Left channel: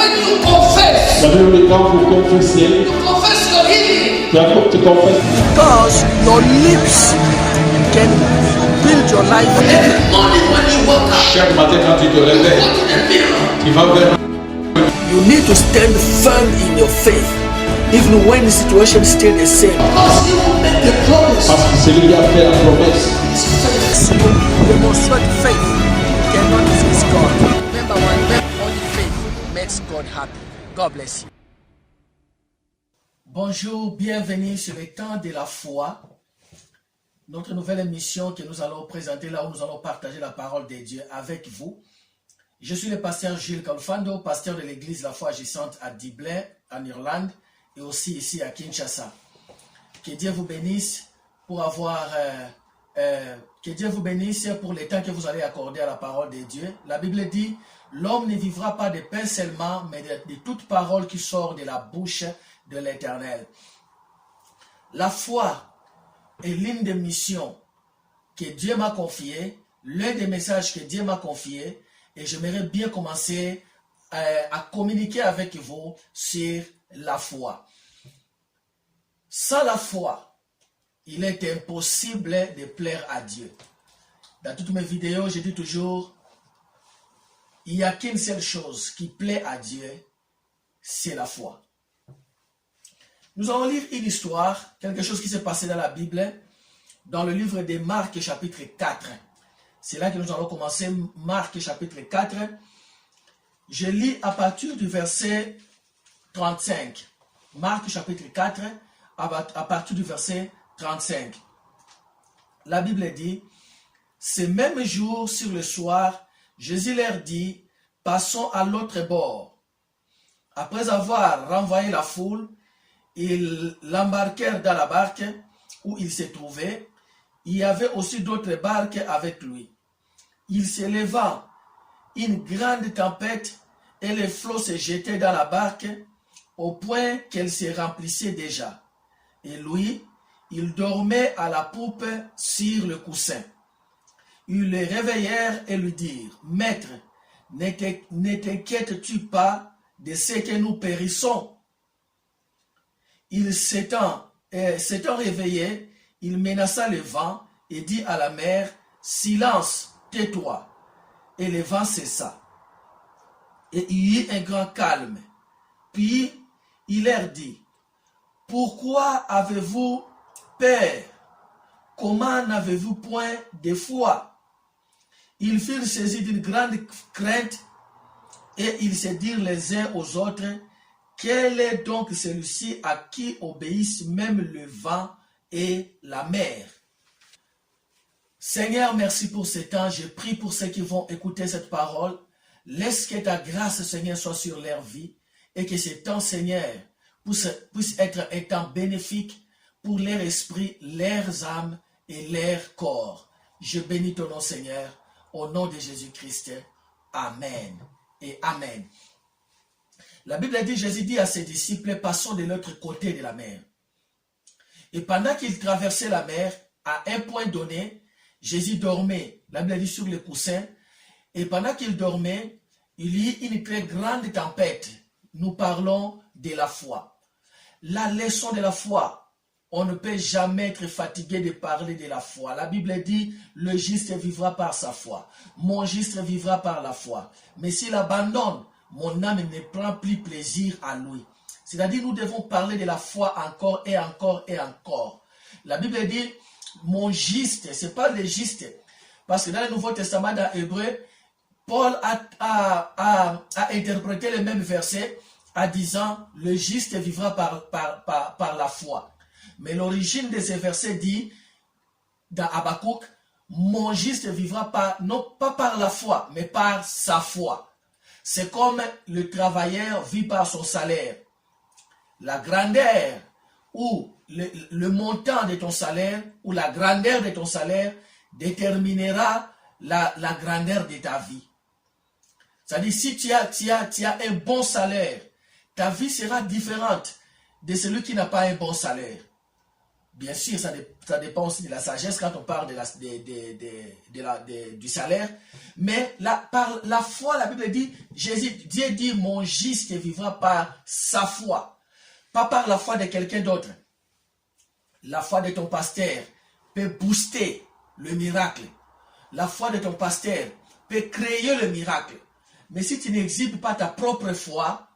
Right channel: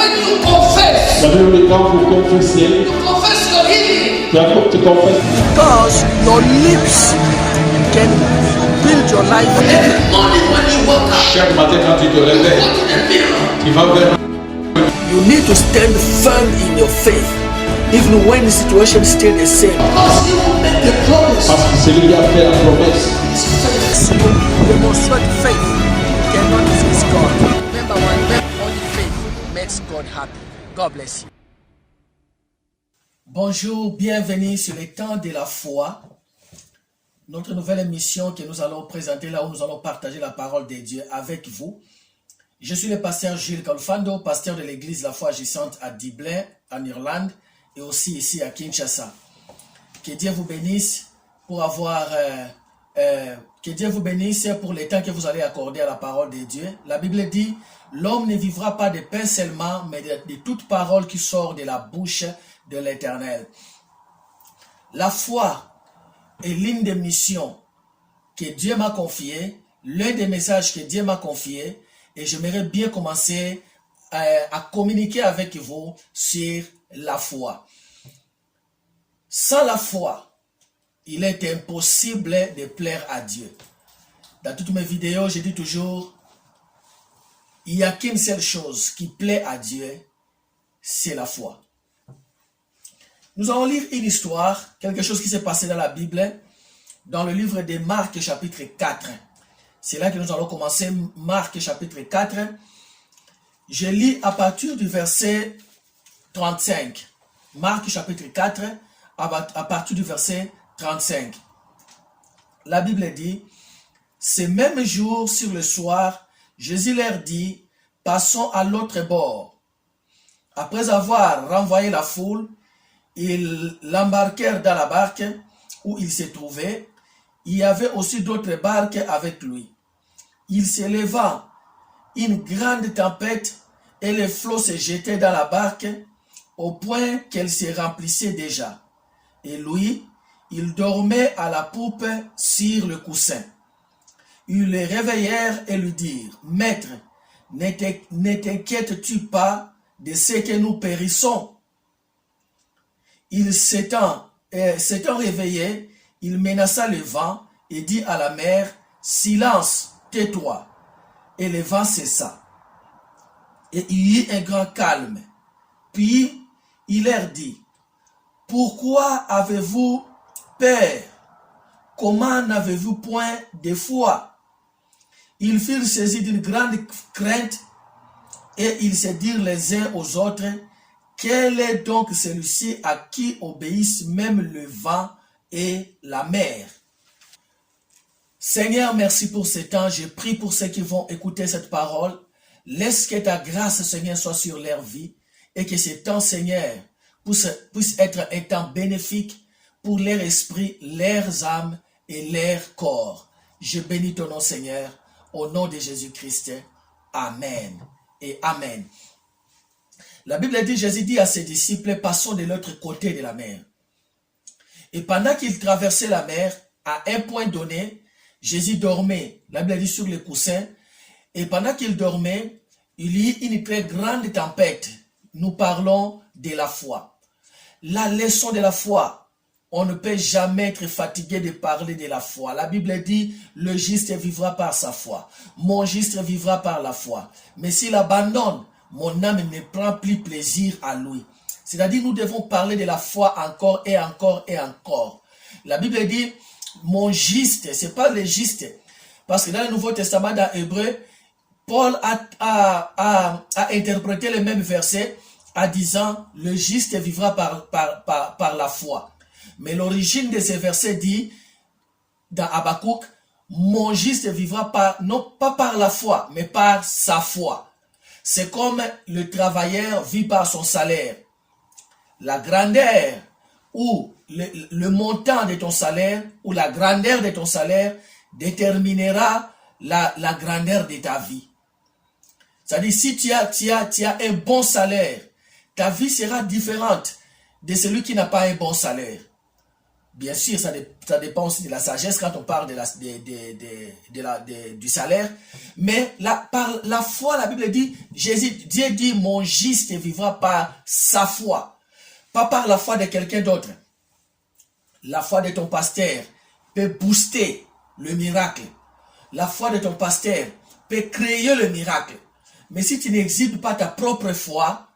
when you confess, quand vous confessez, you confess your healing. tu confesses. Because your lips can build your life. Every morning when you wake up, Chaque matin quand tu te you réveilles, go to the mirror. tu vas vers You need to stand firm in your faith, even when the situation is still the same. Because he will make the promise. parce que celui qui a fait la promesse. It's faith. So you demonstrate faith, you cannot resist God. Remember only faith makes God happy. God bless you. Bonjour, bienvenue sur le temps de la foi. Notre nouvelle émission que nous allons présenter là où nous allons partager la parole de Dieu avec vous. Je suis le pasteur Gilles Kalfando, pasteur de l'église La Foi Agissante à Dublin, en Irlande, et aussi ici à Kinshasa. Que Dieu vous bénisse pour que Dieu vous bénisse pour le temps que vous allez accorder à la parole de Dieu. La Bible dit, l'homme ne vivra pas de pain seulement, mais de toute parole qui sort de la bouche de l'Éternel. La foi est l'une des missions que Dieu m'a confiées, l'un des messages que Dieu m'a confiés, et j'aimerais bien commencer à communiquer avec vous sur la foi. Sans la foi, il est impossible de plaire à Dieu. Dans toutes mes vidéos, je dis toujours, il n'y a qu'une seule chose qui plaît à Dieu, c'est la foi. Nous allons lire une histoire, quelque chose qui s'est passé dans la Bible, dans le livre de Marc chapitre 4. C'est là que nous allons commencer, Marc chapitre 4. Je lis à partir du verset 35. Marc chapitre 4, à partir du verset 35. La Bible dit, « Ce même jour, sur le soir, Jésus leur dit, « Passons à l'autre bord. » Après avoir renvoyé la foule, ils l'embarquèrent dans la barque où il se trouvait. Il y avait aussi d'autres barques avec lui. Il s'éleva une grande tempête et les flots se jetaient dans la barque au point qu'elle se remplissait déjà. Et lui, il dormait à la poupe sur le coussin. Ils le réveillèrent et lui dirent, « Maître, ne t'inquiètes-tu pas de ce que nous périssons ?» Il s'étant réveillé, il menaça le vent et dit à la mer, « Silence, tais-toi !» Et le vent cessa. Et il y eut un grand calme. Puis il leur dit, « Pourquoi avez-vous peur? Comment n'avez-vous point de foi? » Ils furent saisis d'une grande crainte et ils se dirent les uns aux autres, « Quel est donc celui-ci à qui obéissent même le vent et la mer? » Seigneur, merci pour ce temps. Je prie pour ceux qui vont écouter cette parole. Laisse que ta grâce, Seigneur, soit sur leur vie et que ce temps, Seigneur, puisse être un temps bénéfique pour leur esprit, leurs âmes et leur corps. Je bénis ton nom, Seigneur, au nom de Jésus-Christ. Amen et Amen. La Bible dit, Jésus dit à ses disciples, passons de l'autre côté de la mer. Et pendant qu'ils traversaient la mer, à un point donné, Jésus dormait, la Bible dit sur le coussin, et pendant qu'il dormait, il y eut une très grande tempête. Nous parlons de la foi. La leçon de la foi, on ne peut jamais être fatigué de parler de la foi. La Bible dit, le juste vivra par sa foi. Mon juste vivra par la foi. Mais s'il abandonne, mon âme ne prend plus plaisir à lui. C'est-à-dire, nous devons parler de la foi encore et encore et encore. La Bible dit, mon juste, ce n'est pas le juste. Parce que dans le Nouveau Testament, dans Hébreu, Paul a interprété le même verset en disant, le juste vivra par la foi. Mais l'origine de ce verset dit, dans Habakkuk, mon juste vivra non pas par la foi, mais par sa foi. C'est comme le travailleur vit par son salaire. La grandeur ou le montant de ton salaire ou la grandeur de ton salaire déterminera la grandeur de ta vie. C'est-à-dire, si tu as un bon salaire, ta vie sera différente de celui qui n'a pas un bon salaire. Bien sûr, ça dépend aussi de la sagesse quand on parle du salaire. Mais par la foi, la Bible dit, Dieu dit, mon juste vivra par sa foi. Pas par la foi de quelqu'un d'autre. La foi de ton pasteur peut booster le miracle. La foi de ton pasteur peut créer le miracle. Mais si tu n'exhibes pas ta propre foi,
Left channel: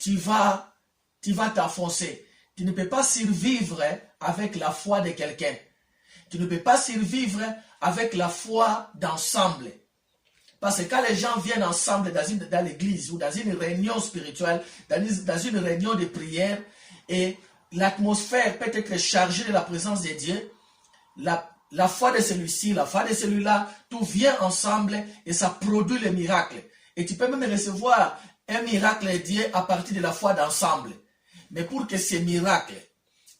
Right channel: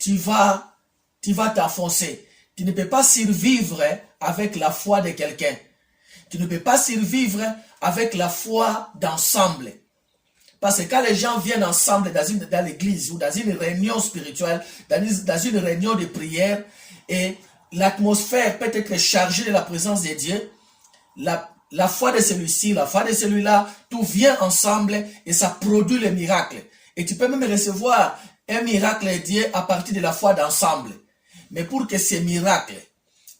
tu vas t'enfoncer. Tu ne peux pas survivre avec la foi de quelqu'un. Tu ne peux pas survivre avec la foi d'ensemble. Parce que quand les gens viennent ensemble dans l'église ou dans une réunion spirituelle, dans une réunion de prière, et l'atmosphère peut être chargée de la présence de Dieu, la foi de celui-ci, la foi de celui-là, tout vient ensemble et ça produit le miracle. Et tu peux même recevoir un miracle de Dieu à partir de la foi d'ensemble. Mais pour que ce miracle,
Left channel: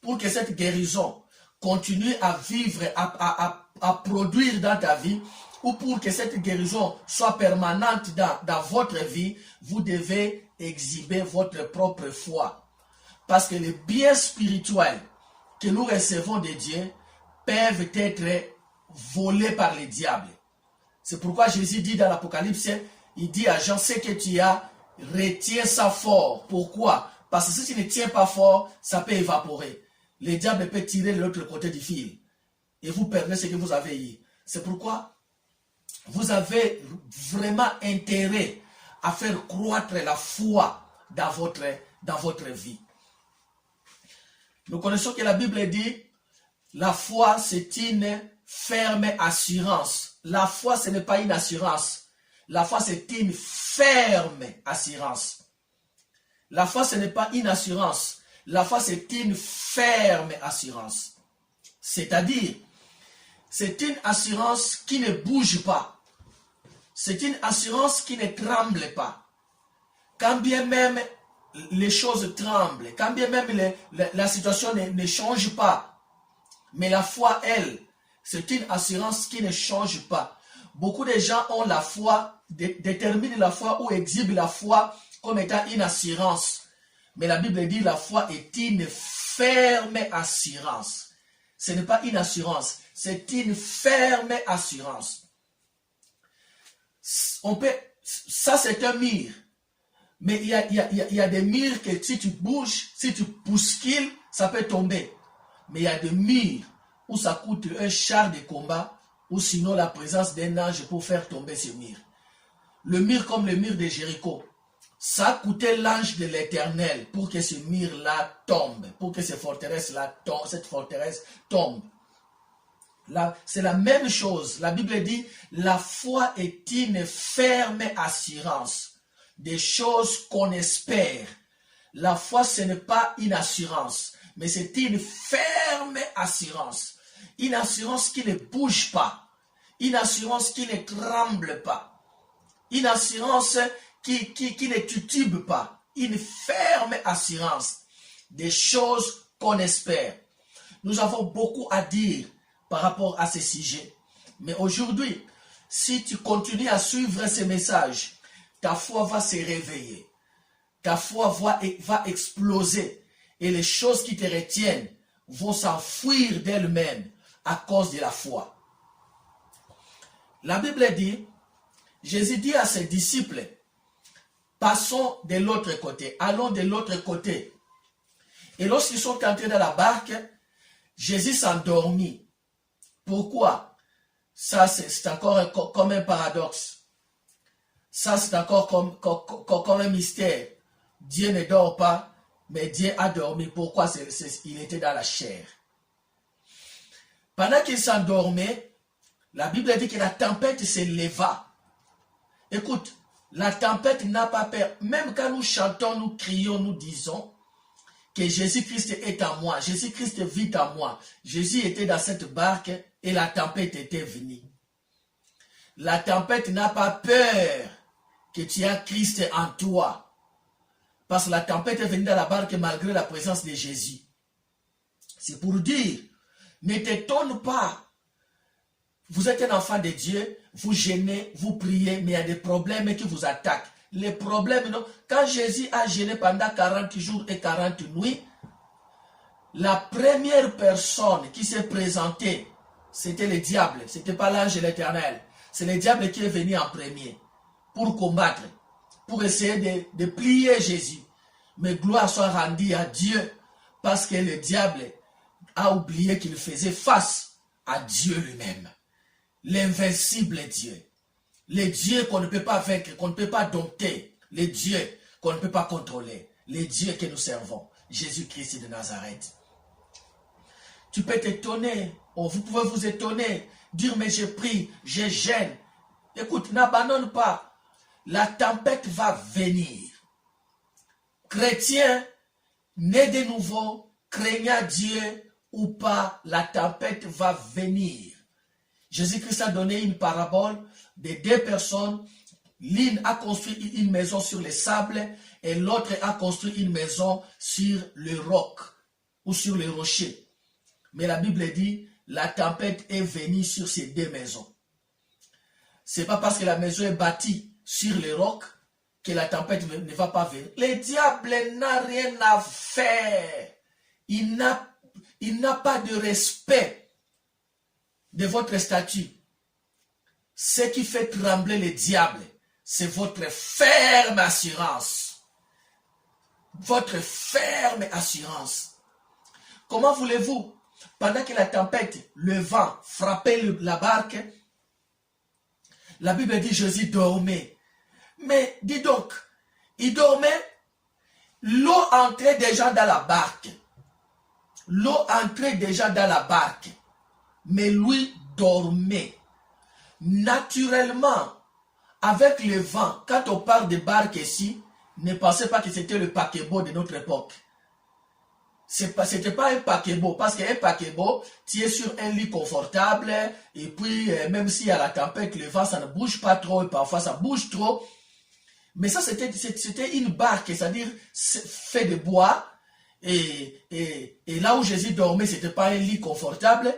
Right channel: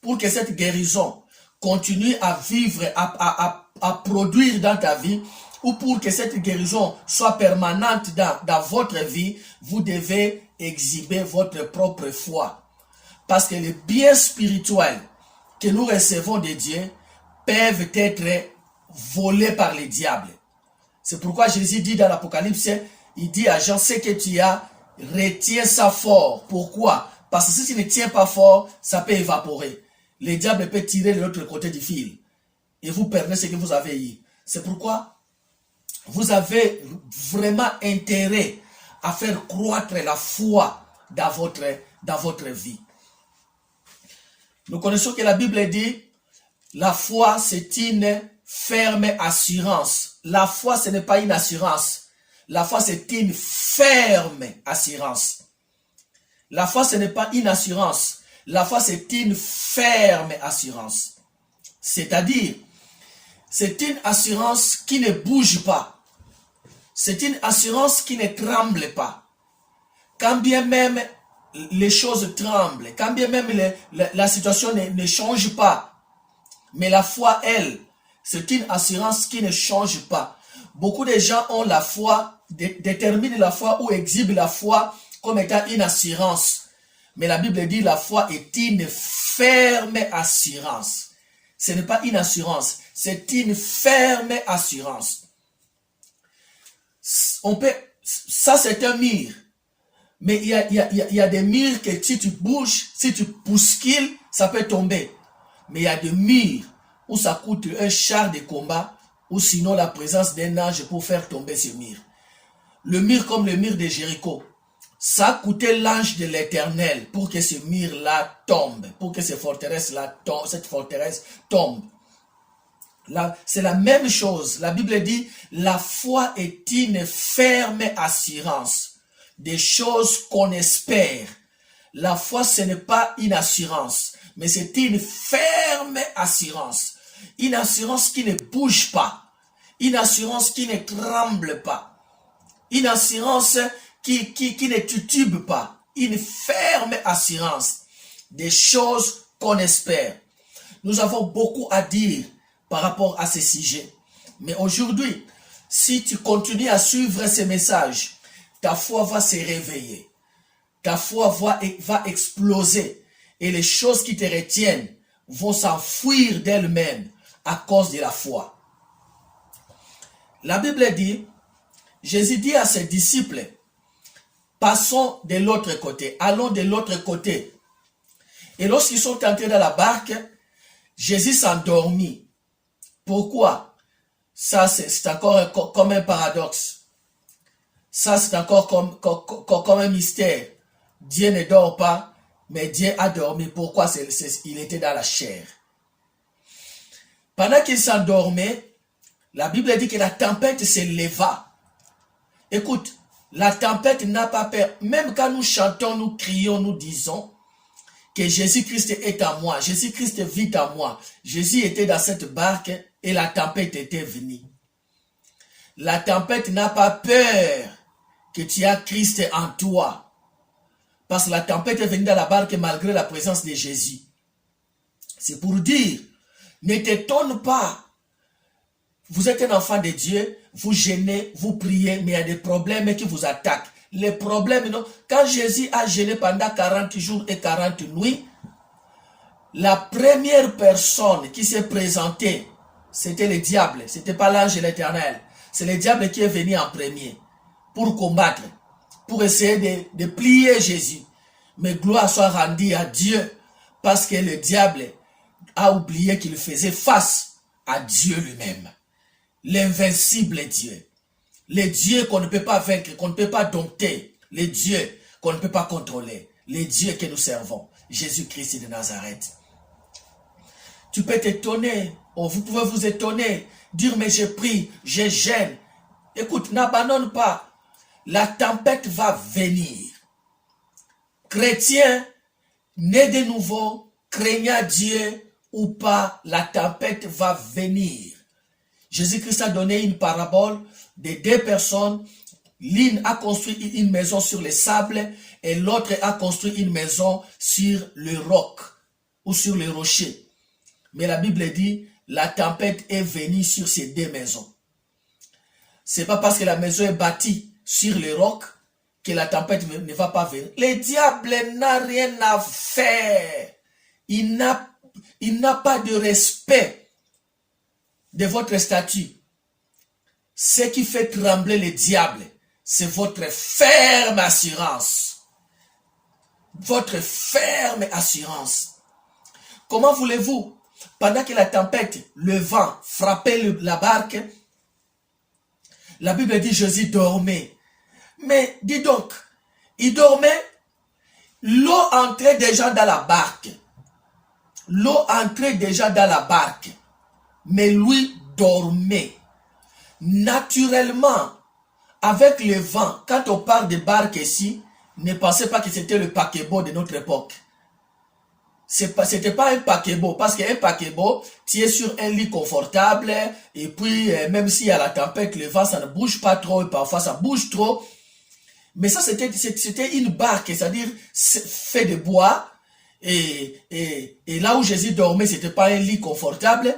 pour que cette guérison continue à vivre, à produire dans ta vie, ou pour que cette guérison soit permanente dans votre vie, vous devez exhiber votre propre foi. Parce que les biens spirituels que nous recevons de Dieu peuvent être volés par le diable. C'est pourquoi Jésus dit dans l'Apocalypse, il dit à Jean, ce que tu as, retiens ça fort. Pourquoi? Parce que si tu ne tiens pas fort, ça peut évaporer. Le diable peut tirer de l'autre côté du fil. Et vous perdez ce que vous avez eu. C'est pourquoi vous avez vraiment intérêt à faire croître la foi dans votre vie. Nous connaissons que la Bible dit, la foi c'est une ferme assurance. La foi ce n'est pas une assurance. La foi c'est une ferme assurance. La foi ce n'est pas une assurance. La foi c'est une ferme assurance. C'est-à-dire, c'est une assurance qui ne bouge pas. C'est une assurance qui ne tremble pas. Quand bien même les choses tremblent, quand bien même la situation ne change pas, mais la foi, elle, c'est une assurance qui ne change pas. Beaucoup de gens ont la foi, déterminent la foi ou exhibent la foi comme étant une assurance. Mais la Bible dit la foi est une ferme assurance. Ce n'est pas une assurance, c'est une ferme assurance. Ça c'est un mur. Mais il y a des murs que si tu bouges, si tu bouscules, ça peut tomber. Mais il y a des murs où ça coûte un char de combat ou sinon la présence d'un ange pour faire tomber ce mur. Le mur comme le mur de Jéricho, ça a coûté l'ange de l'Éternel pour que ce mur-là tombe, pour que cette forteresse-là tombe. C'est la même chose. La Bible dit, la foi est une ferme assurance des choses qu'on espère. La foi, ce n'est pas une assurance, mais c'est une ferme assurance. Une assurance qui ne bouge pas. Une assurance qui ne tremble pas. Une assurance qui ne titube pas. Une ferme assurance des choses qu'on espère. Nous avons beaucoup à dire par rapport à ce sujet. Mais aujourd'hui, si tu continues à suivre ces messages, ta foi va se réveiller. Ta foi va exploser. Et les choses qui te retiennent vont s'enfuir d'elles-mêmes à cause de la foi. La Bible dit, Jésus dit à ses disciples, passons de l'autre côté, allons de l'autre côté. Et lorsqu'ils sont entrés dans la barque, Jésus s'endormit. Pourquoi? Ça, c'est encore comme un paradoxe. Ça, c'est encore comme un mystère. Dieu ne dort pas, mais Dieu a dormi. Pourquoi? Il était dans la chair. Pendant qu'il s'endormait, la Bible dit que la tempête se leva. Écoute, la tempête n'a pas peur. Même quand nous chantons, nous crions, nous disons que Jésus-Christ est en moi. Jésus-Christ vit en moi. Jésus était dans cette barque et la tempête était venue. La tempête n'a pas peur que tu as Christ en toi. Parce que la tempête est venue dans la barque malgré la présence de Jésus. C'est pour dire, ne t'étonne pas. Vous êtes un enfant de Dieu, vous gênez, vous priez, mais il y a des problèmes qui vous attaquent. Les problèmes, non. Quand Jésus a gêné pendant 40 jours et 40 nuits, la première personne qui s'est présentée, c'était le diable. Ce n'était pas l'ange de l'Éternel. C'est le diable qui est venu en premier pour combattre, pour essayer de plier Jésus. Mais gloire soit rendue à Dieu parce que le diable a oublié qu'il faisait face à Dieu lui-même. L'invincible Dieu. Le Dieu qu'on ne peut pas vaincre, qu'on ne peut pas dompter. Le Dieu qu'on ne peut pas contrôler. Le Dieu que nous servons. Jésus-Christ de Nazareth. Tu peux t'étonner, ou vous pouvez vous étonner, dire mais je prie, je gêne. Écoute, n'abandonne pas. La tempête va venir. Chrétien, né de nouveau, craignant Dieu ou pas, la tempête va venir. Jésus-Christ a donné une parabole de deux personnes. L'une a construit une maison sur le sable et l'autre a construit une maison sur le roc ou sur le rocher. Mais la Bible dit, la tempête est venue sur ces deux maisons. Ce n'est pas parce que la maison est bâtie sur le roc que la tempête ne va pas venir. Le diable n'a rien à faire. Il n'a pas de respect de votre statut. Ce qui fait trembler le diable, c'est votre ferme assurance. Votre ferme assurance. Comment voulez-vous, pendant que la tempête, le vent frappait la barque, la Bible dit Jésus dormait. Mais dis donc, il dormait, l'eau entrait déjà dans la barque. L'eau entrait déjà dans la barque. Mais lui dormait. Naturellement, avec le vent, quand on parle de barque ici, ne pensez pas que c'était le paquebot de notre époque. Ce n'était pas un paquebot, parce qu'un paquebot, tu es sur un lit confortable, et puis même s'il y a la tempête, le vent, ça ne bouge pas trop, et parfois ça bouge trop. Mais ça, c'était une barque, c'est-à-dire fait de bois, et là où Jésus dormait, ce n'était pas un lit confortable.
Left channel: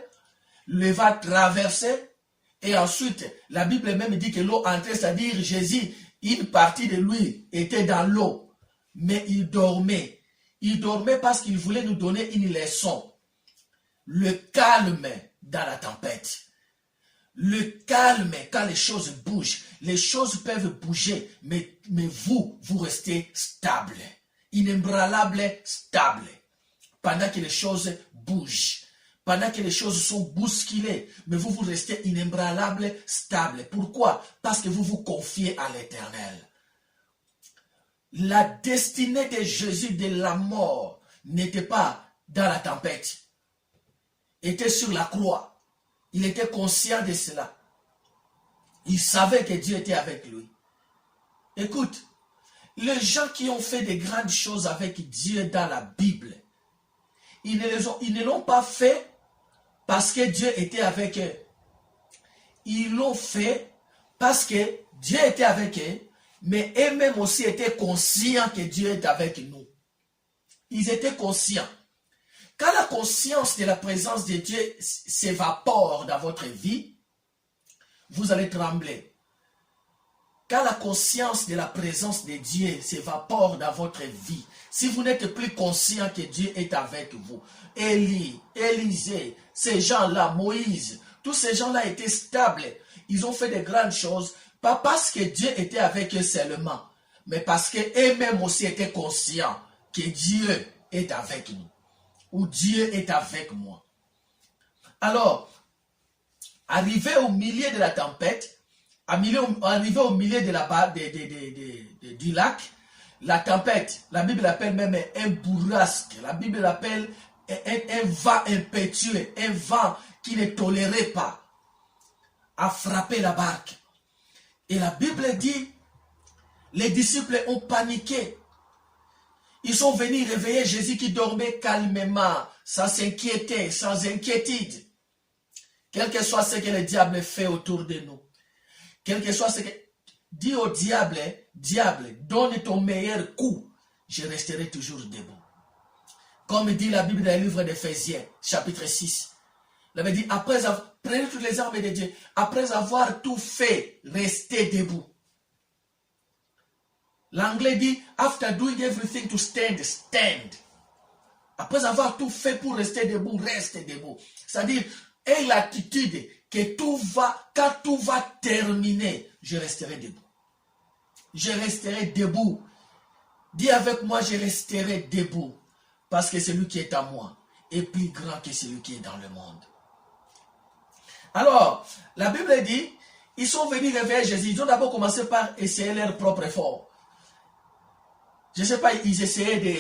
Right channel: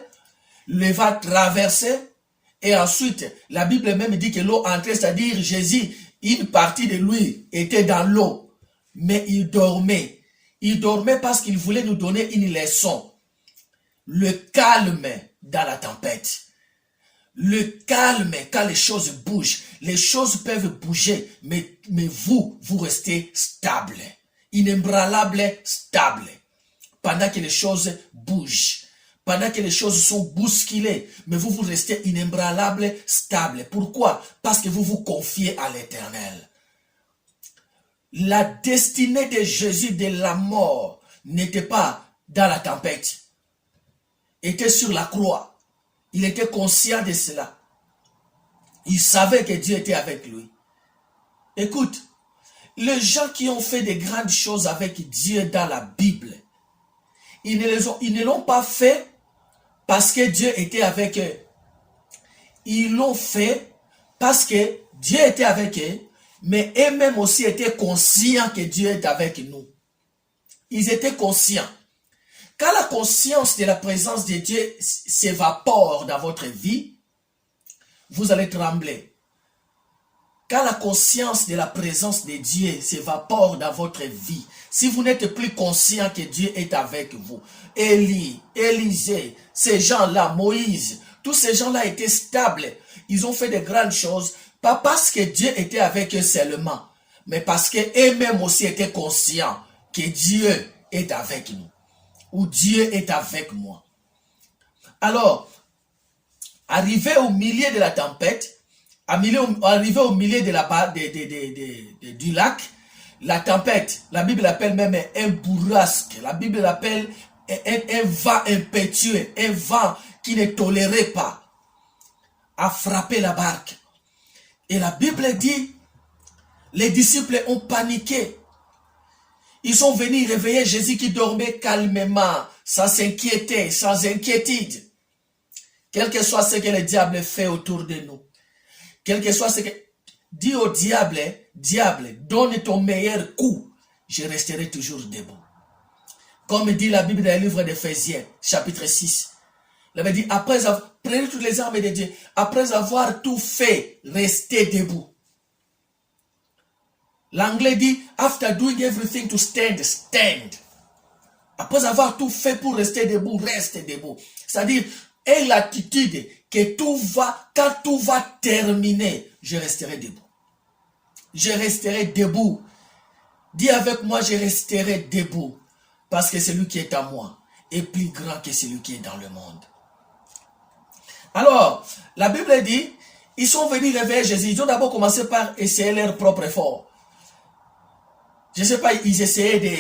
Le vent traversait, et ensuite, la Bible même dit que l'eau entrait, c'est-à-dire Jésus, une partie de lui était dans l'eau, mais il dormait. Il dormait parce qu'il voulait nous donner une leçon. Le calme dans la tempête. Le calme quand les choses bougent. Les choses peuvent bouger, mais vous restez stable. Inébranlable, stable. Pendant que les choses bougent. Pendant que les choses sont bousculées, mais vous restez inébranlable, stable. Pourquoi? Parce que vous vous confiez à l'Éternel. La destinée de Jésus de la mort n'était pas dans la tempête. Était sur la croix. Il était conscient de cela. Il savait que Dieu était avec lui. Écoute, les gens qui ont fait de grandes choses avec Dieu dans la Bible, ils ne l'ont pas fait parce que Dieu était avec eux. Ils l'ont fait parce que Dieu était avec eux, mais eux-mêmes aussi étaient conscients que Dieu est avec nous. Ils étaient conscients. Quand la conscience de la présence de Dieu s'évapore dans votre vie, vous allez trembler. Quand la conscience de la présence de Dieu s'évapore dans votre vie, si vous n'êtes plus conscient que Dieu est avec vous, Élie, Élisée, ces gens-là, Moïse, tous ces gens-là étaient stables. Ils ont fait de grandes choses, pas parce que Dieu était avec eux seulement, mais parce qu'eux-mêmes aussi étaient conscients que Dieu est avec nous, ou Dieu est avec moi. Alors, arrivé au milieu de la tempête, arrivé au milieu de du lac, la tempête, la Bible l'appelle même un bourrasque, la Bible l'appelle un vent impétueux, un vent qui ne tolérait pas, a frappé la barque. Et la Bible dit, les disciples ont paniqué. Ils sont venus réveiller Jésus qui dormait calmement, sans s'inquiéter, sans inquiétude. Quel que soit ce que le diable fait autour de nous, quel que soit ce que... Dis au diable, diable, donne ton meilleur coup, je resterai toujours debout. Comme dit la Bible dans le livre d'Éphésiens, chapitre 6. La Bible dit, prenez toutes les armes de Dieu, après avoir tout fait, restez debout. L'anglais dit, after doing everything to stand, stand. Après avoir tout fait pour rester debout, reste debout. C'est-à-dire, aie l'attitude que quand tout va terminer, je resterai debout. Je resterai debout. Dis avec moi, je resterai debout. Parce que celui qui est en moi est plus grand que celui qui est dans le monde. Alors, la Bible dit, ils sont venus réveiller Jésus. Ils ont d'abord commencé par essayer leur propre effort. Je ne sais pas, ils essayaient de...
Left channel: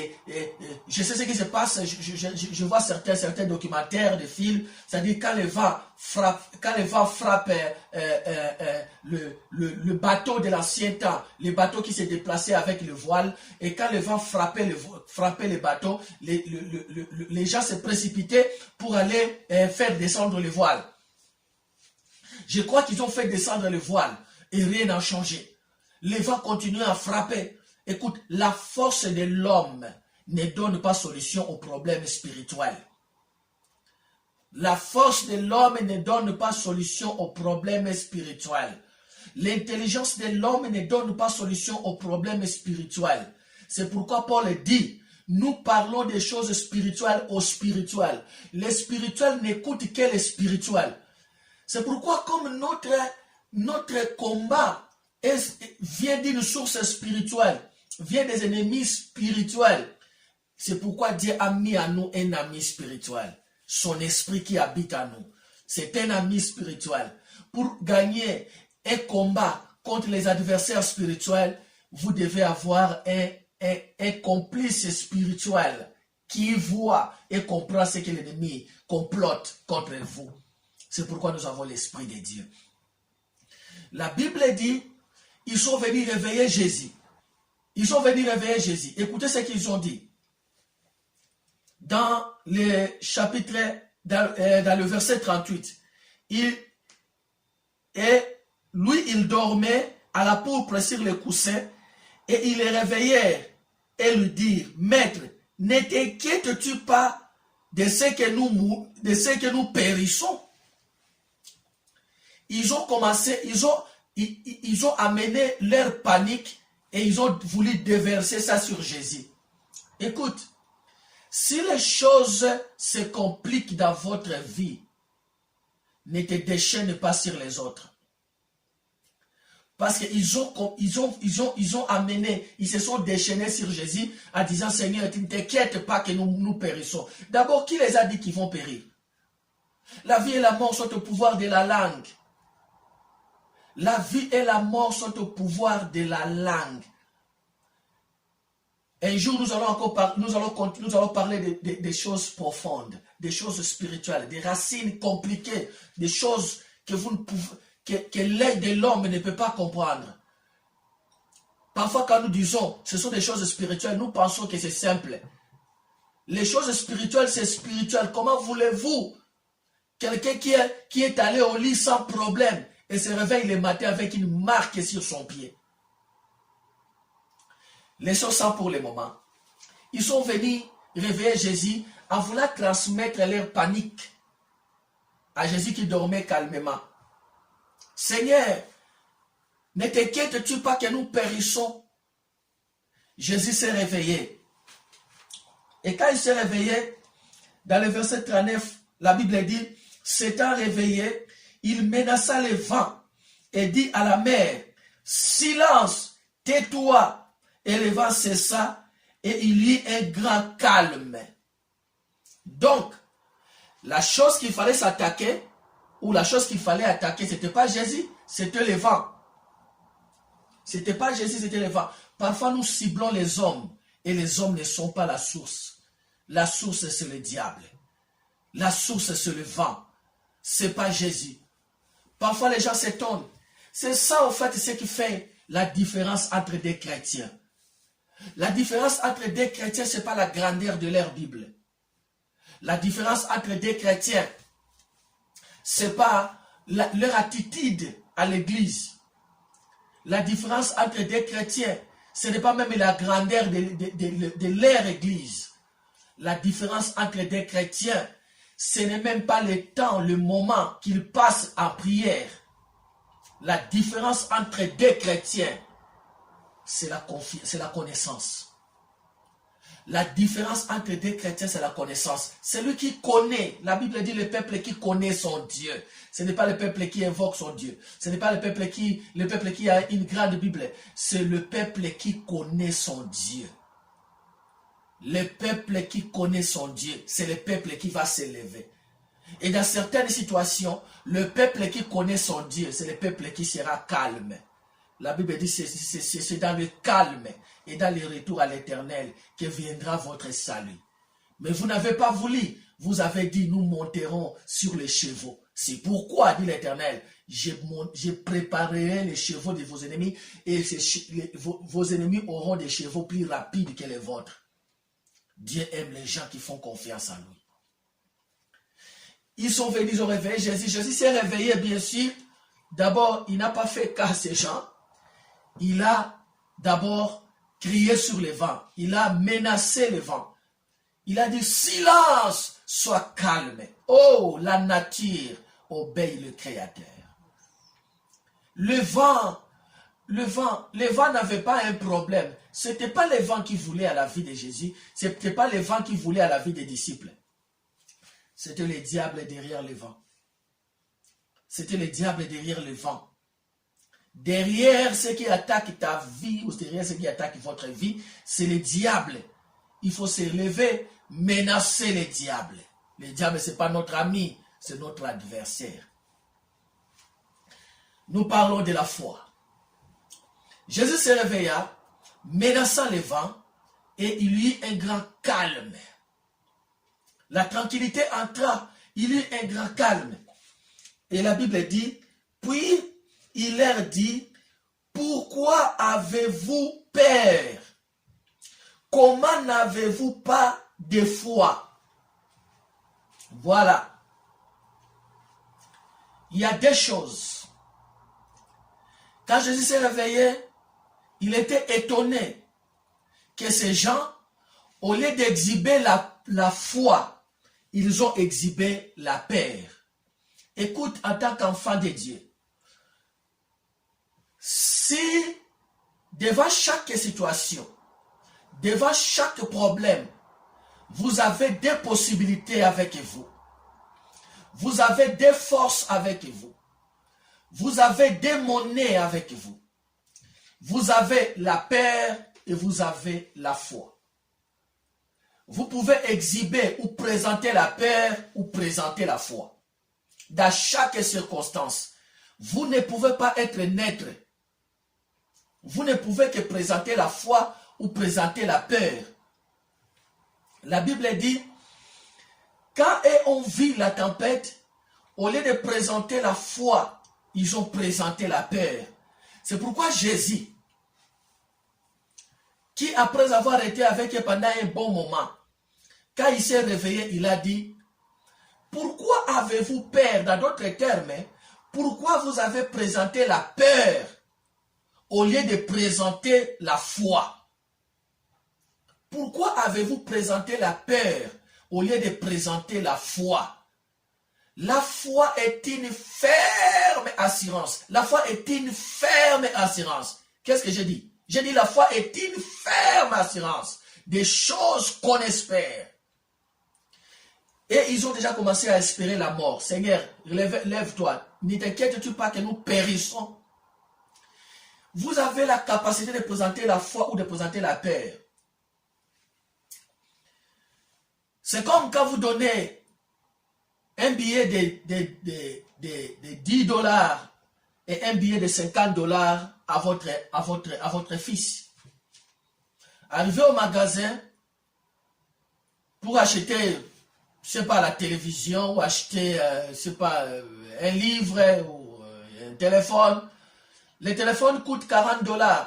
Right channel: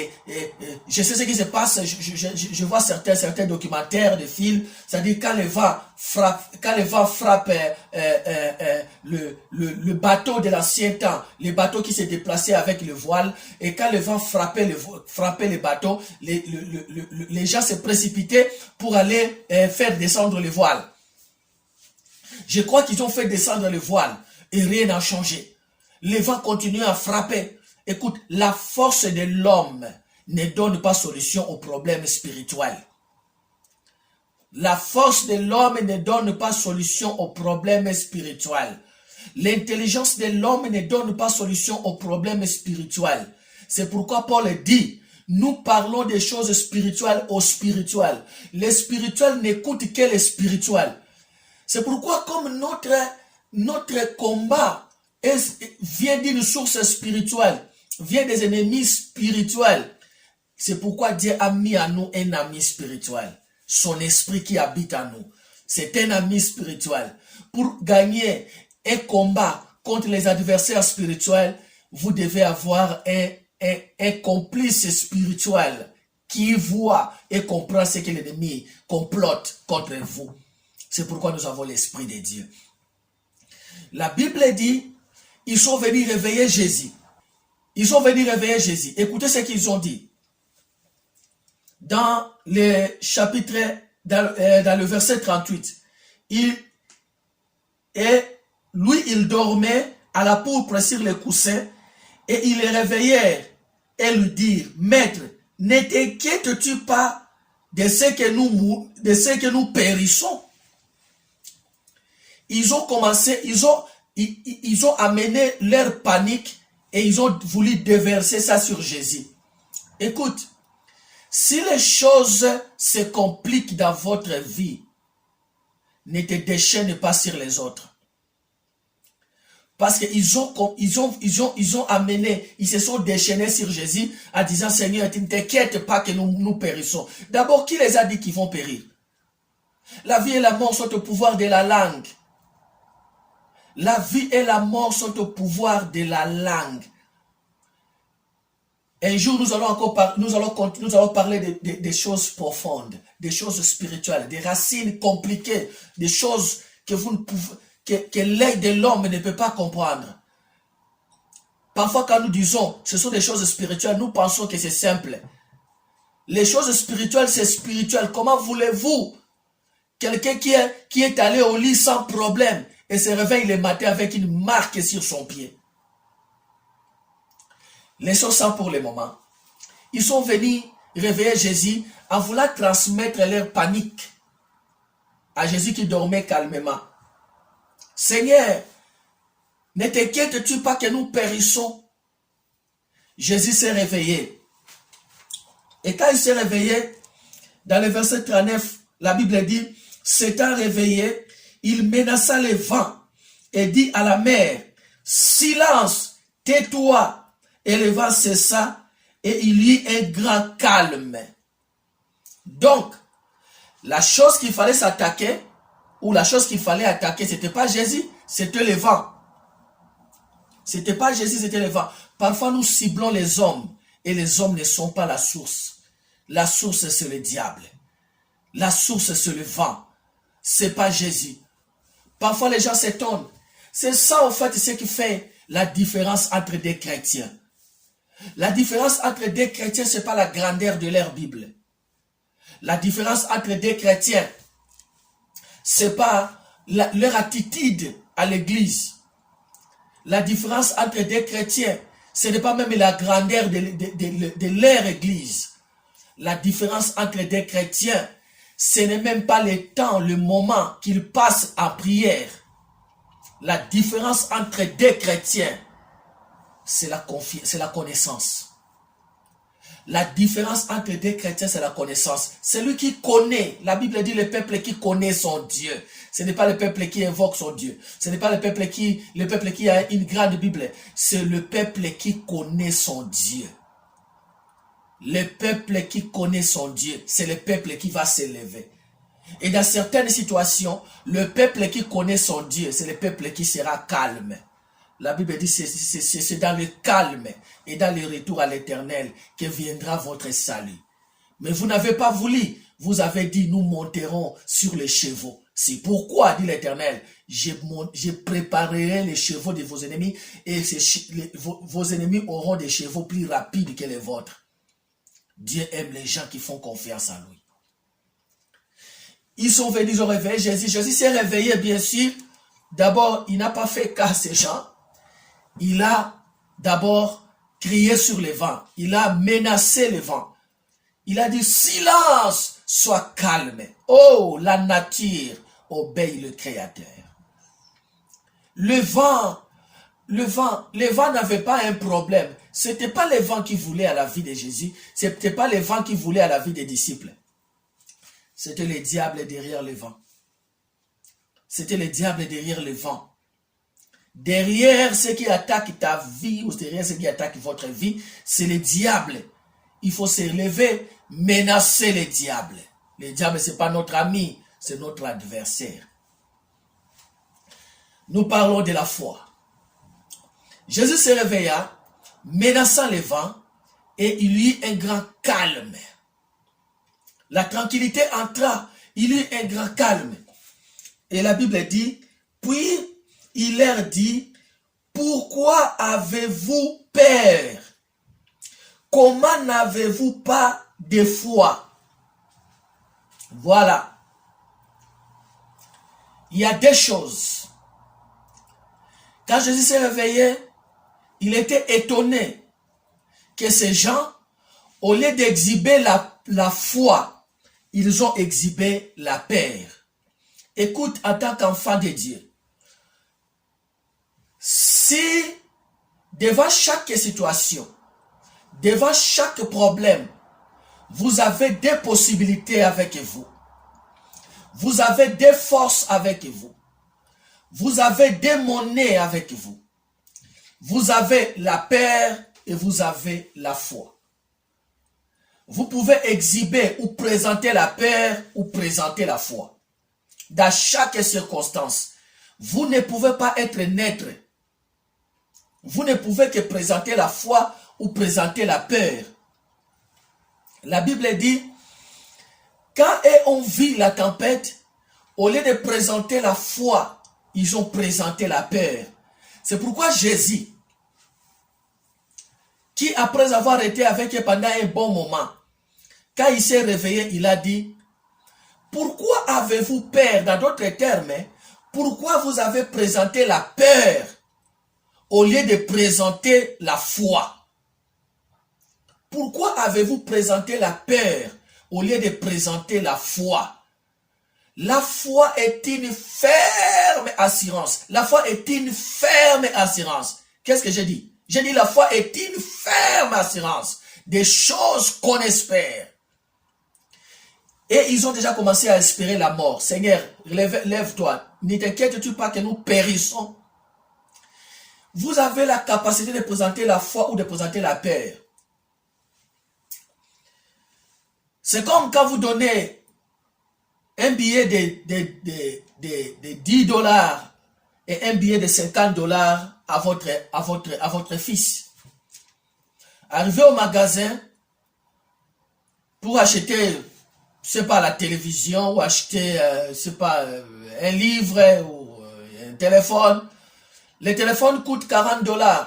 je sais ce qui se passe, je vois certains documentaires de films, c'est-à-dire quand le vent frappe le bateau de l'ancien temps, les bateaux qui se déplaçaient avec le voile, et quand le vent frappait le bateau, les gens se précipitaient pour aller faire descendre le voile. Je crois qu'ils ont fait descendre le voile et rien n'a changé. Le vent continue à frapper. Écoute, la force de l'homme ne donne pas solution aux problèmes spirituels. La force de l'homme ne donne pas solution aux problèmes spirituels. L'intelligence de l'homme ne donne pas solution aux problèmes spirituels. C'est pourquoi Paul dit, nous parlons des choses spirituelles aux spirituels. Les spirituels n'écoutent que les spirituels. C'est pourquoi comme notre combat vient d'une source spirituelle, vient des ennemis spirituels. C'est pourquoi Dieu a mis à nous un ami spirituel. Son esprit qui habite en nous. C'est un ami spirituel. Pour gagner un combat contre les adversaires spirituels, vous devez avoir un complice spirituel qui voit et comprend ce que l'ennemi complote contre vous. C'est pourquoi nous avons l'Esprit de Dieu. La Bible dit, ils sont venus réveiller Jésus. Ils sont venus réveiller Jésus. Écoutez ce qu'ils ont dit. Dans le chapitre, dans le verset 38, lui, il dormait à la pourpre sur le coussin et ils les réveillèrent et lui dirent, Maître, ne t'inquiètes-tu pas de ce que nous périssons? Ils ont commencé, ils ont amené leur panique et ils ont voulu déverser ça sur Jésus. Écoute, si les choses se compliquent dans votre vie, ne te déchaîne pas sur les autres. Parce qu'ils ont amené, ils se sont déchaînés sur Jésus en disant, Seigneur, tu ne t'inquiètes pas que nous périssons. D'abord, qui les a dit qu'ils vont périr? La vie et la mort sont au pouvoir de la langue. La vie et la mort sont au pouvoir de la langue. Un jour, nous allons parler des choses profondes, des choses spirituelles, des racines compliquées, des choses que l'œil de l'homme ne peut pas comprendre. Parfois, quand nous disons ce sont des choses spirituelles, nous pensons que c'est simple. Les choses spirituelles, c'est spirituel. Comment voulez-vous quelqu'un qui est allé au lit sans problème et se réveille le matin avec une marque sur son pied? Laissons ça pour le moment. Ils sont venus réveiller Jésus en voulant transmettre leur panique à Jésus qui dormait calmement. Seigneur, ne t'inquiètes-tu pas que nous périssons? Jésus s'est réveillé. Et quand il s'est réveillé, dans le verset 39, la Bible dit, s'étant réveillé, il menaça le vent et dit à la mer, silence, tais-toi. Et le vent cessa et il y eut un grand calme. Donc, la chose qu'il fallait s'attaquer, ou la chose qu'il fallait attaquer, ce n'était pas Jésus, c'était le vent. Ce n'était pas Jésus, c'était le vent. Parfois, nous ciblons les hommes, et les hommes ne sont pas la source. La source, c'est le diable. La source, c'est le vent. Ce n'est pas Jésus. Parfois, les gens s'étonnent. C'est ça, en fait, ce qui fait la différence entre des chrétiens. La différence entre des chrétiens, ce n'est pas la grandeur de leur Bible. La différence entre des chrétiens, ce n'est pas leur attitude à l'église. La différence entre des chrétiens, ce n'est pas même la grandeur de leur église. La différence entre des chrétiens, ce n'est même pas le temps, le moment qu'ils passent en prière. La différence entre deux chrétiens, c'est la connaissance. La différence entre deux chrétiens, c'est la connaissance. Celui qui connaît, la Bible dit le peuple qui connaît son Dieu. Ce n'est pas le peuple qui invoque son Dieu. Ce n'est pas le peuple qui a une grande Bible. C'est le peuple qui connaît son Dieu. Le peuple qui connaît son Dieu, c'est le peuple qui va s'élever. Et dans certaines situations, le peuple qui connaît son Dieu, c'est le peuple qui sera calme. La Bible dit c'est dans le calme et dans le retour à l'Éternel que viendra votre salut. Mais vous n'avez pas voulu. Vous avez dit, nous monterons sur les chevaux. C'est pourquoi, dit l'Éternel, je préparerai les chevaux de vos ennemis et vos ennemis auront des chevaux plus rapides que les vôtres. Dieu aime les gens qui font confiance en lui. Ils sont venus, ils ont réveillé Jésus. Jésus s'est réveillé, bien sûr. D'abord, il n'a pas fait cas à ces gens. Il a d'abord crié sur le vent. Il a menacé le vent. Il a dit, silence, sois calme. Oh, la nature obéit le Créateur. Le vent n'avait pas un problème. Ce n'était pas le vent qui voulait à la vie de Jésus. Ce n'était pas le vent qui voulait à la vie des disciples. C'était le diable derrière le vent. C'était le diable derrière le vent. Derrière ce qui attaque ta vie ou derrière ce qui attaque votre vie, c'est le diable. Il faut se lever, menacer le diable. Le diable, ce n'est pas notre ami, c'est notre adversaire. Nous parlons de la foi. Jésus se réveilla, menaçant le vent, et il y eut un grand calme. La tranquillité entra, il y eut un grand calme. Et la Bible dit, puis il leur dit, pourquoi avez-vous peur? Comment n'avez-vous pas de foi? Voilà. Il y a deux choses. Quand Jésus s'est réveillé, il était étonné que ces gens, au lieu d'exhiber la foi, ils ont exhibé la peur. Écoute, en tant qu'enfant de Dieu, si devant chaque situation, devant chaque problème, vous avez des possibilités avec vous, vous avez des forces avec vous, vous avez des monnaies avec vous, vous avez la peur et vous avez la foi. Vous pouvez exhiber ou présenter la peur ou présenter la foi. Dans chaque circonstance, vous ne pouvez pas être neutre. Vous ne pouvez que présenter la foi ou présenter la peur. La Bible dit, quand on vit la tempête, au lieu de présenter la foi, ils ont présenté la peur. C'est pourquoi Jésus, qui après avoir été avec eux pendant un bon moment, quand il s'est réveillé, il a dit, pourquoi avez-vous peur? Dans d'autres termes, pourquoi vous avez présenté la peur au lieu de présenter la foi? Pourquoi avez-vous présenté la peur au lieu de présenter la foi? La foi est une ferme assurance. La foi est une ferme assurance. Qu'est-ce que j'ai dit? J'ai dit la foi est une ferme assurance des choses qu'on espère. Et ils ont déjà commencé à espérer la mort. Seigneur, lève-toi. Ne t'inquiète-tu pas que nous périssons. Vous avez la capacité de présenter la foi ou de présenter la peur. C'est comme quand vous donnez un billet de 10 $ et un billet de 50 $ à votre fils. Arrivé au magasin pour acheter, je sais pas, la télévision ou acheter, je sais pas, un livre ou un téléphone. Le téléphone coûte 40 $.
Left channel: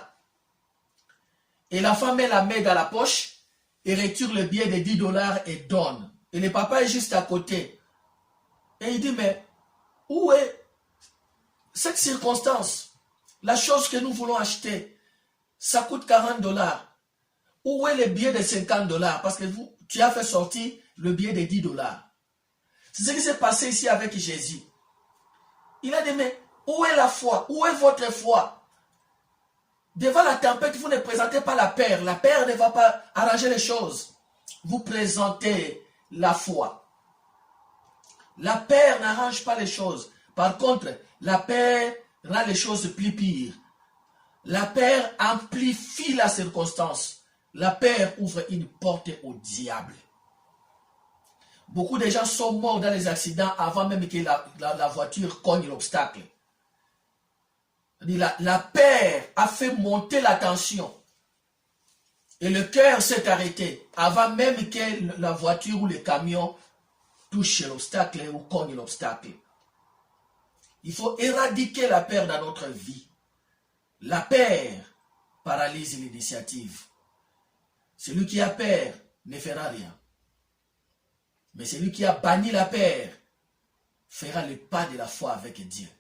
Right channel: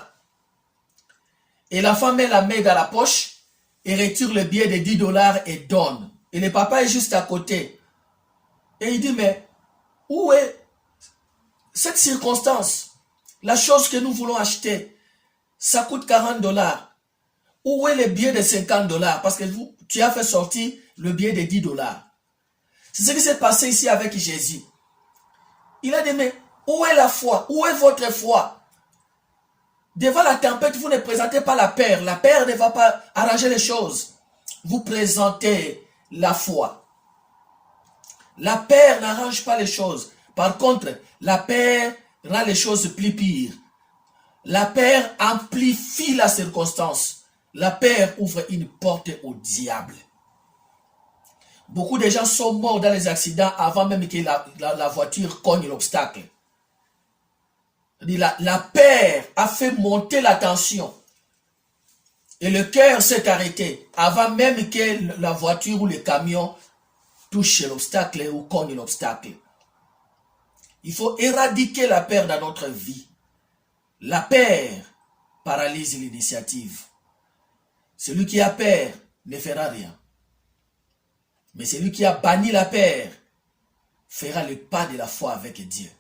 Et la femme met la main dans la poche et retire le billet de 10 $ et donne. Et le papa est juste à côté. Et il dit, mais où est cette circonstance? La chose que nous voulons acheter, ça coûte 40 $. Où est le billet de 50 $? Parce que tu as fait sortir le billet de 10 $. C'est ce qui s'est passé ici avec Jésus. Il a dit, mais où est la foi? Où est votre foi? Devant la tempête, vous ne présentez pas la peur. La peur ne va pas arranger les choses. Vous présentez la foi. La peur n'arrange pas les choses. Par contre, la peur rend les choses plus pires. La peur amplifie la circonstance. La peur ouvre une porte au diable. Beaucoup de gens sont morts dans les accidents avant même que la voiture cogne l'obstacle. La peur a fait monter la tension. Et le cœur s'est arrêté avant même que la voiture ou le camion touche l'obstacle ou cogne l'obstacle. Il faut éradiquer la peur dans notre vie. La peur paralyse l'initiative. Celui qui a peur ne fera rien. Mais celui qui a banni la peur fera le pas de la foi avec Dieu.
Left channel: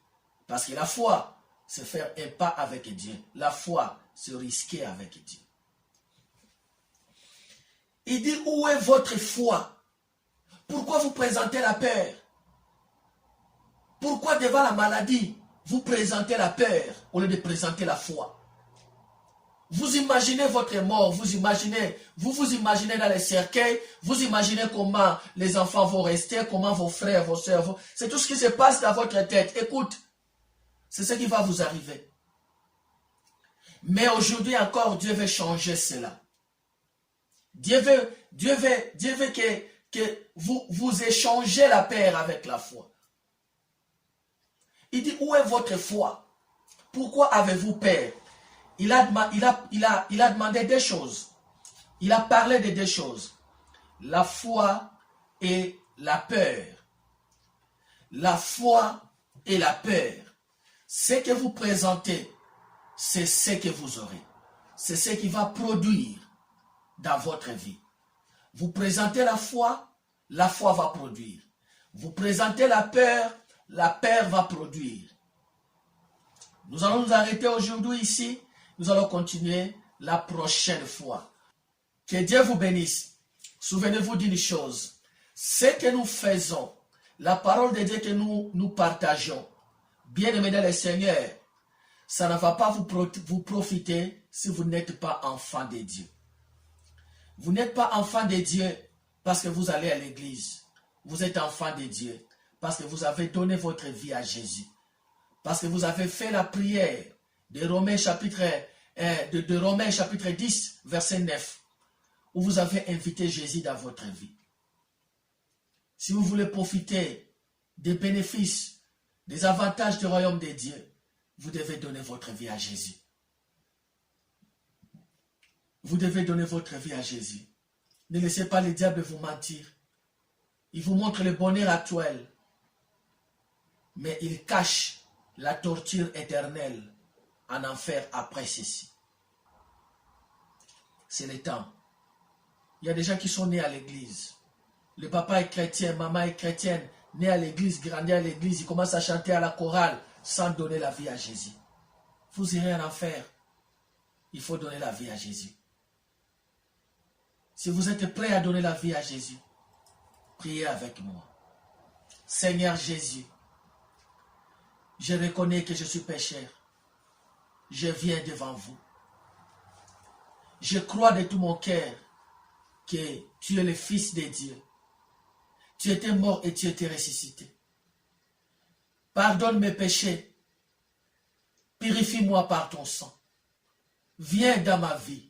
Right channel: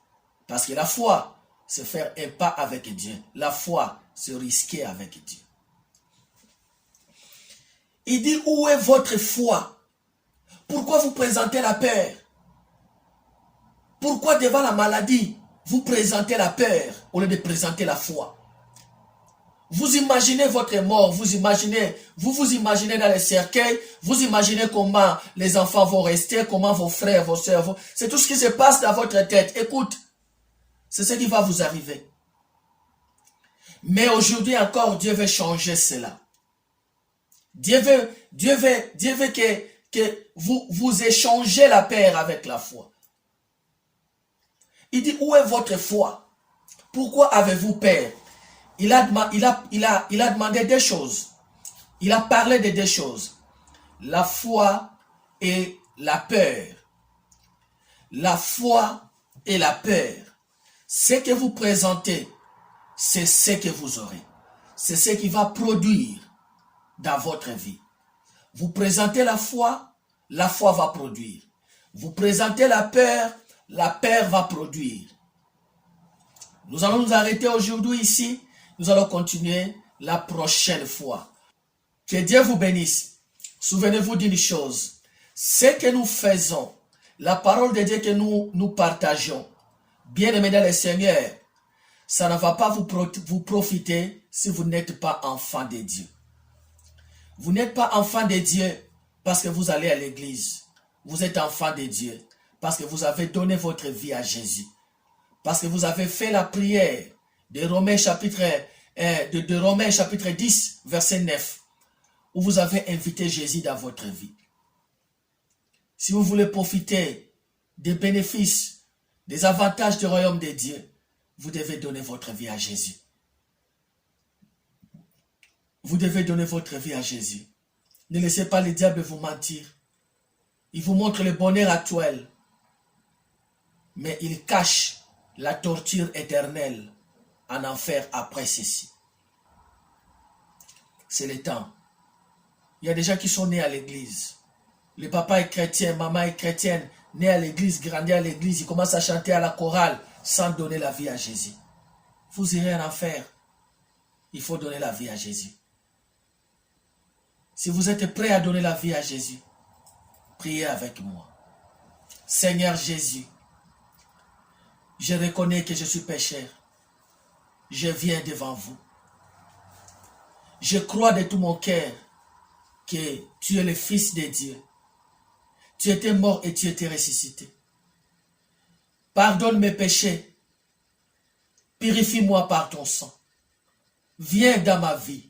Parce que la foi, c'est faire un pas avec Dieu. La foi, c'est risquer avec Dieu. Il dit, où est votre foi? Pourquoi vous présentez la peur? Pourquoi devant la maladie, vous présentez la peur au lieu de présenter la foi? Vous imaginez votre mort, vous vous imaginez dans les cercueils, vous imaginez comment les enfants vont rester, comment vos frères, vos soeurs vont... C'est tout ce qui se passe dans votre tête. Écoute, c'est ce qui va vous arriver. Mais aujourd'hui encore, Dieu veut changer cela. Dieu veut que vous échangez la peur avec la foi. Il dit, où est votre foi? Pourquoi avez-vous peur? Il a demandé des choses. Il a parlé de deux choses. La foi et la peur. La foi et la peur. Ce que vous présentez, c'est ce que vous aurez. C'est ce qui va produire dans votre vie. Vous présentez la foi va produire. Vous présentez la peur va produire. Nous allons nous arrêter aujourd'hui ici. Nous allons continuer la prochaine fois. Que Dieu vous bénisse. Souvenez-vous d'une chose. Ce que nous faisons, la parole de Dieu que nous partageons, bien-aimés dans le Seigneur, ça ne va pas vous profiter si vous n'êtes pas enfant de Dieu. Vous n'êtes pas enfant de Dieu parce que vous allez à l'église. Vous êtes enfant de Dieu parce que vous avez donné votre vie à Jésus. Parce que vous avez fait la prière de Romains chapitre 10, verset 9, où vous avez invité Jésus dans votre vie. Si vous voulez profiter des bénéfices, des avantages du royaume de Dieu, vous devez donner votre vie à Jésus. Vous devez donner votre vie à Jésus. Ne laissez pas le diable vous mentir. Il vous montre le bonheur actuel, mais il cache la torture éternelle en enfer après ceci. C'est le temps. Il y a des gens qui sont nés à l'église. Le papa est chrétien, maman est chrétienne, né à l'église, grandi à l'église, il commence à chanter à la chorale sans donner la vie à Jésus. Vous irez en enfer. Il faut donner la vie à Jésus. Si vous êtes prêt à donner la vie à Jésus, priez avec moi. Seigneur Jésus, je reconnais que je suis pécheur. Je viens devant vous. Je crois de tout mon cœur que tu es le Fils de Dieu. Tu étais mort et tu étais ressuscité. Pardonne mes péchés. Purifie-moi par ton sang. Viens dans ma vie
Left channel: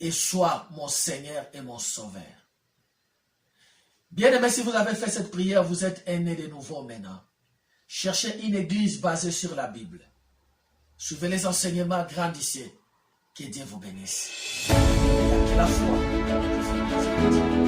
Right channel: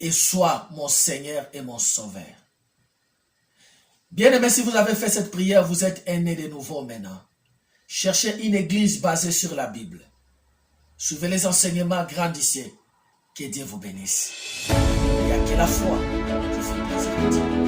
et sois mon Seigneur et mon Sauveur. Bien-aimés, si vous avez fait cette prière, vous êtes né de nouveau maintenant. Cherchez une église basée sur la Bible. Suivez les enseignements, grandissez. Que Dieu vous bénisse. Et que la foi vous fait plaisir.